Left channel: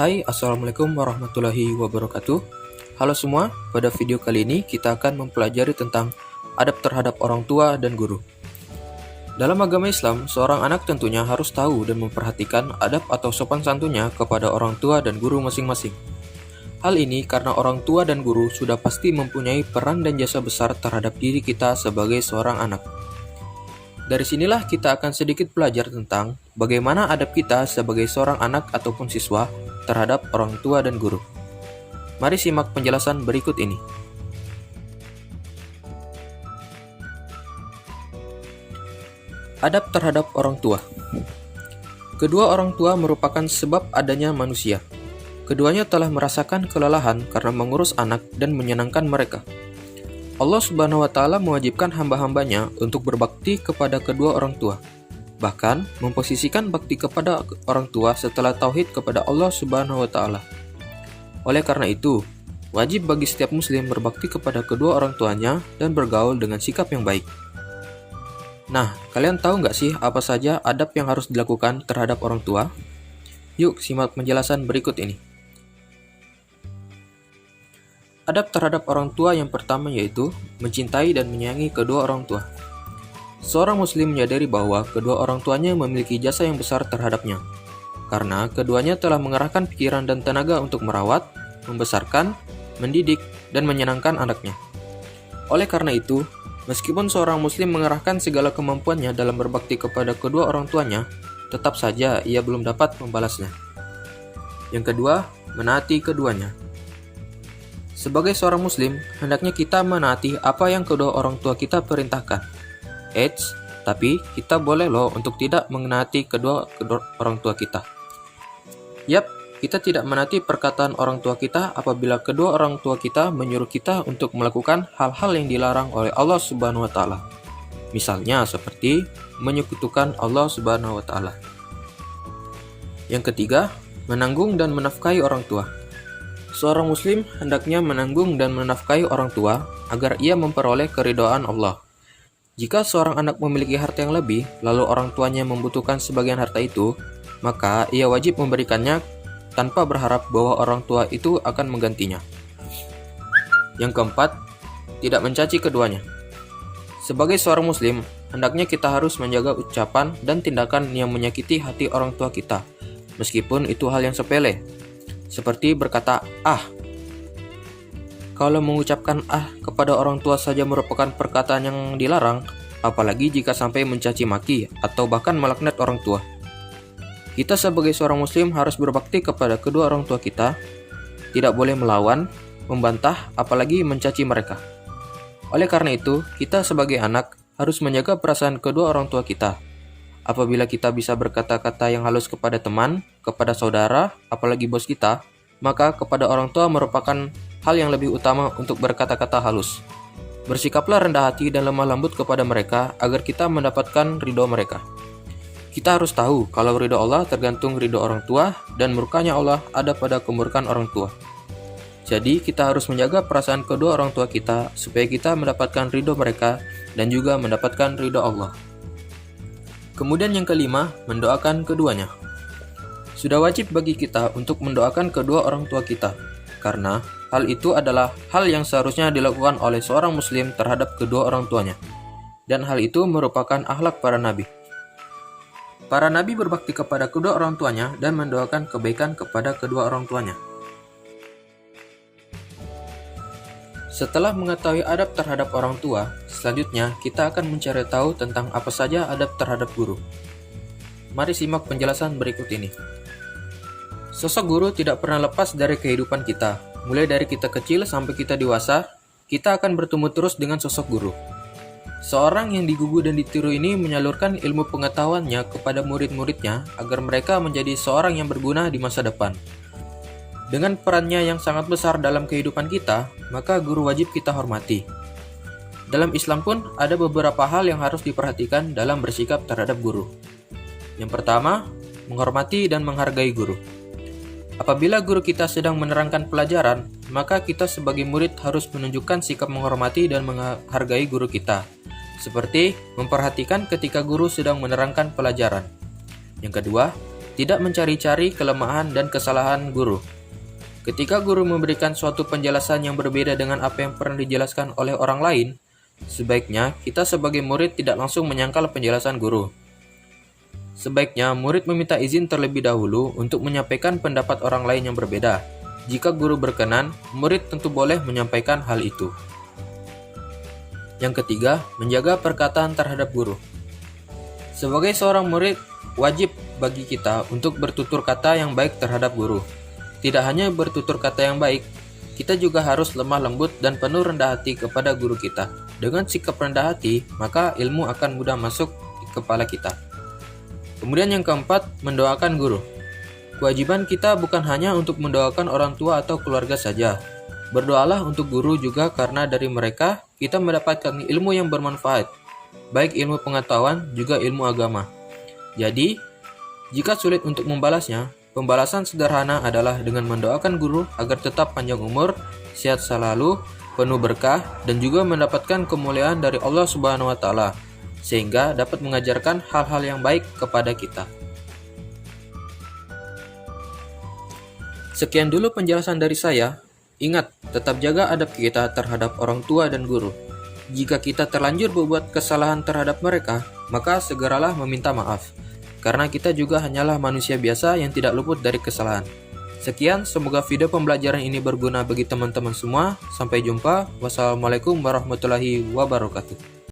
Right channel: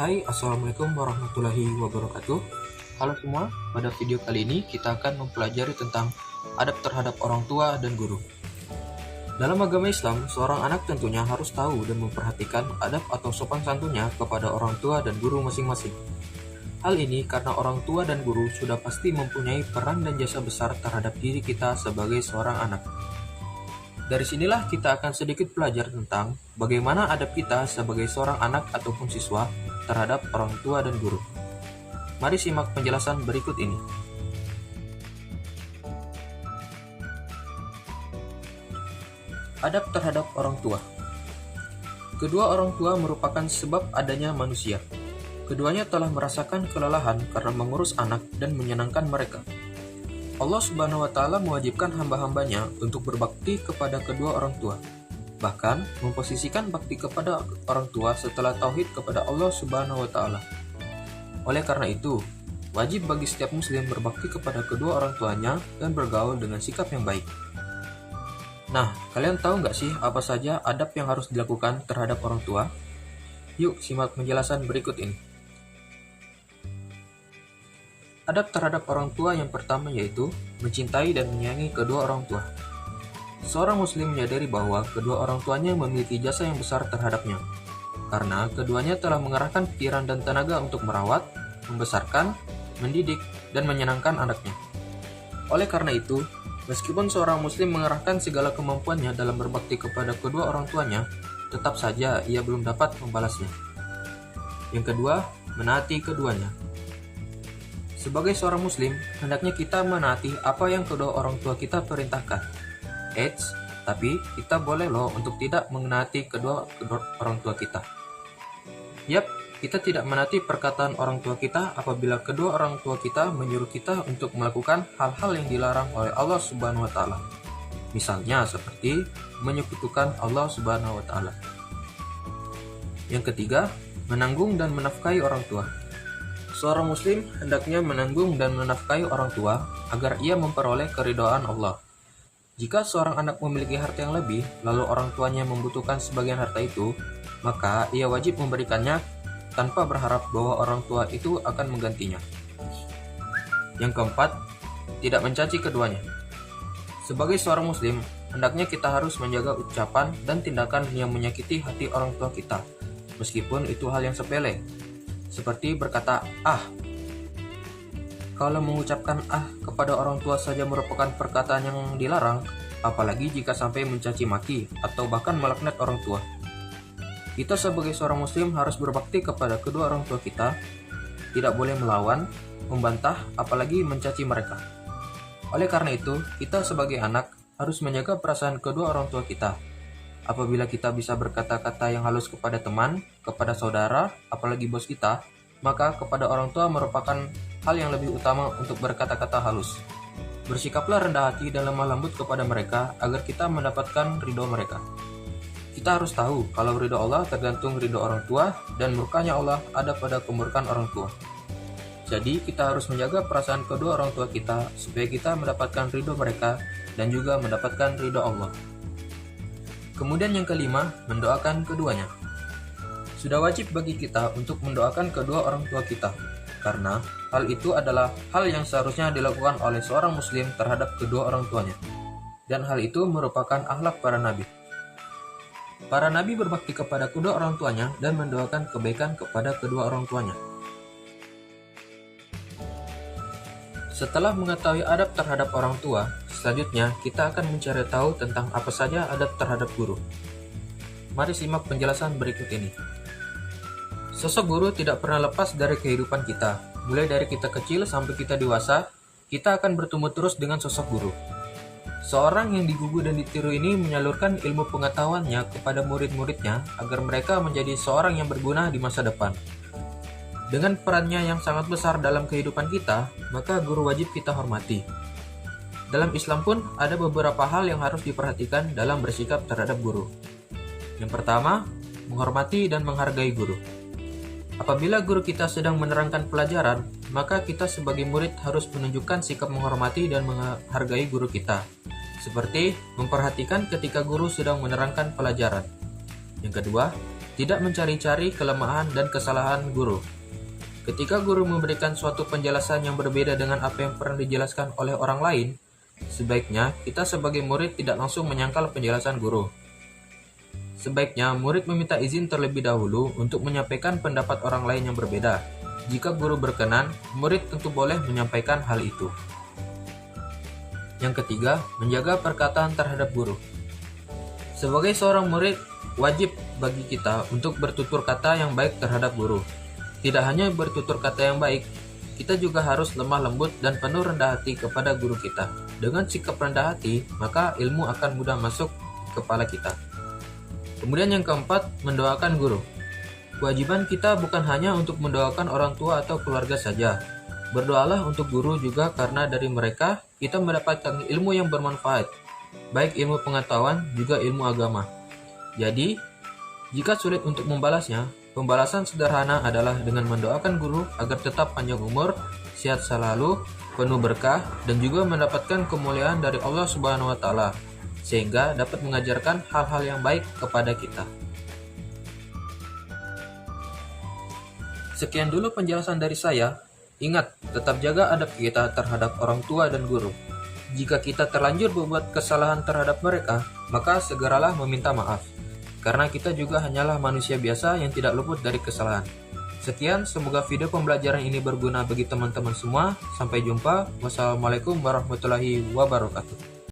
Hai, Assalamualaikum warahmatullahi wabarakatuh. Halo semua, pada video kali ini kita akan mempelajari tentang adab terhadap orang tua dan guru. Dalam agama Islam, seorang anak tentunya harus tahu dan memperhatikan adab atau sopan santunnya kepada orang tua dan guru masing-masing. Hal ini karena orang tua dan guru sudah pasti mempunyai peran dan jasa besar terhadap diri kita sebagai seorang anak. Dari sinilah kita akan sedikit belajar tentang bagaimana adab kita sebagai seorang anak ataupun siswa terhadap orang tua dan guru. Mari simak penjelasan berikut ini. Adab terhadap orang tua. Kedua orang tua merupakan sebab adanya manusia. Keduanya telah merasakan kelelahan karena mengurus anak dan menyenangkan mereka. Allah Subhanahu wa Ta'ala mewajibkan hamba-hambanya untuk berbakti kepada kedua orang tua, bahkan memposisikan bakti kepada orang tua setelah tauhid kepada Allah Subhanahu wa Ta'ala. Oleh karena itu, wajib bagi setiap muslim berbakti kepada kedua orang tuanya dan bergaul dengan sikap yang baik. Nah, kalian tahu nggak sih apa saja adab yang harus dilakukan terhadap orang tua? Yuk simak penjelasan berikut ini. Adab terhadap orang tua yang pertama yaitu mencintai dan menyayangi kedua orang tua. Seorang muslim menyadari bahwa kedua orang tuanya memiliki jasa yang besar terhadapnya, karena keduanya telah mengerahkan pikiran dan tenaga untuk merawat, membesarkan, mendidik, dan menyenangkan anaknya. Oleh karena itu, meskipun seorang muslim mengerahkan segala kemampuannya dalam berbakti kepada kedua orang tuanya, tetap saja ia belum dapat membalasnya. Yang kedua, menaati keduanya. Sebagai seorang muslim, hendaknya kita menaati apa yang kedua orang tua kita perintahkan. Tapi kita boleh loh untuk tidak menaati kedua orang tua kita. Kita tidak menaati perkataan orang tua kita apabila kedua orang tua kita menyuruh kita untuk melakukan hal-hal yang dilarang oleh Allah Subhanahu wa Ta'ala. Misalnya seperti menyekutukan Allah Subhanahu wa Ta'ala. Yang ketiga, menanggung dan menafkahi orang tua. Seorang muslim hendaknya menanggung dan menafkahi orang tua agar ia memperoleh keridhaan Allah. Jika seorang anak memiliki harta yang lebih, lalu orang tuanya membutuhkan sebagian harta itu, maka ia wajib memberikannya tanpa berharap bahwa orang tua itu akan menggantinya. Yang keempat, tidak mencaci keduanya. Sebagai seorang muslim, hendaknya kita harus menjaga ucapan dan tindakan yang menyakiti hati orang tua kita, meskipun itu hal yang sepele. Seperti berkata "ah". Kalau mengucapkan "ah" kepada orang tua saja merupakan perkataan yang dilarang, apalagi jika sampai mencaci maki atau bahkan melaknat orang tua. Kita sebagai seorang muslim harus berbakti kepada kedua orang tua kita, tidak boleh melawan, membantah, apalagi mencaci mereka. Oleh karena itu, kita sebagai anak harus menjaga perasaan kedua orang tua kita. Apabila kita bisa berkata-kata yang halus kepada teman, kepada saudara, apalagi bos kita, maka kepada orang tua merupakan hal yang lebih utama untuk berkata-kata halus. Bersikaplah rendah hati dan lemah lembut kepada mereka agar kita mendapatkan ridho mereka. Kita harus tahu kalau ridho Allah tergantung ridho orang tua dan murkanya Allah ada pada kemurkaan orang tua. Jadi kita harus menjaga perasaan kedua orang tua kita supaya kita mendapatkan ridho mereka dan juga mendapatkan ridho Allah. Kemudian yang kelima, mendoakan keduanya. Sudah wajib bagi kita untuk mendoakan kedua orang tua kita, karena hal itu adalah hal yang seharusnya dilakukan oleh seorang muslim terhadap kedua orang tuanya. Dan hal itu merupakan akhlak para nabi. Para nabi berbakti kepada kedua orang tuanya dan mendoakan kebaikan kepada kedua orang tuanya. Setelah mengetahui adab terhadap orang tua, selanjutnya kita akan mencari tahu tentang apa saja adab terhadap guru. Mari simak penjelasan berikut ini. Sosok guru tidak pernah lepas dari kehidupan kita. Mulai dari kita kecil sampai kita dewasa, kita akan bertemu terus dengan sosok guru. Seorang yang digugu dan ditiru ini menyalurkan ilmu pengetahuannya kepada murid-muridnya agar mereka menjadi seorang yang berguna di masa depan. Dengan perannya yang sangat besar dalam kehidupan kita, maka guru wajib kita hormati. Dalam Islam pun ada beberapa hal yang harus diperhatikan dalam bersikap terhadap guru. Yang pertama, menghormati dan menghargai guru. Apabila guru kita sedang menerangkan pelajaran, maka kita sebagai murid harus menunjukkan sikap menghormati dan menghargai guru kita, seperti memperhatikan ketika guru sedang menerangkan pelajaran. Yang kedua, Tidak mencari-cari kelemahan dan kesalahan guru. Ketika guru memberikan suatu penjelasan yang berbeda dengan apa yang pernah dijelaskan oleh orang lain, sebaiknya kita sebagai murid tidak langsung menyangkal penjelasan guru. Sebaiknya murid meminta izin terlebih dahulu untuk menyampaikan pendapat orang lain yang berbeda. Jika guru berkenan, murid tentu boleh menyampaikan hal itu. Yang ketiga, menjaga perkataan terhadap guru. Sebagai seorang murid, wajib bagi kita untuk bertutur kata yang baik terhadap guru. Tidak hanya bertutur kata yang baik, kita juga harus lemah lembut dan penuh rendah hati kepada guru kita. Dengan sikap rendah hati, maka ilmu akan mudah masuk ke kepala kita. Kemudian yang keempat, mendoakan guru. Kewajiban kita bukan hanya untuk mendoakan orang tua atau keluarga saja. Berdoalah untuk guru juga karena dari mereka kita mendapatkan ilmu yang bermanfaat, baik ilmu pengetahuan juga ilmu agama. Jadi, jika sulit untuk membalasnya, pembalasan sederhana adalah dengan mendoakan guru agar tetap panjang umur, sehat selalu, penuh berkah, dan juga mendapatkan kemuliaan dari Allah Subhanahu wa Ta'ala, sehingga dapat mengajarkan hal-hal yang baik kepada kita. Sekian dulu penjelasan dari saya. Ingat, tetap jaga adab kita terhadap orang tua dan guru. Jika kita terlanjur berbuat kesalahan terhadap mereka, maka segeralah meminta maaf. Karena kita juga hanyalah manusia biasa yang tidak luput dari kesalahan. Sekian, semoga video pembelajaran ini berguna bagi teman-teman semua. Sampai jumpa. Wassalamualaikum warahmatullahi wabarakatuh.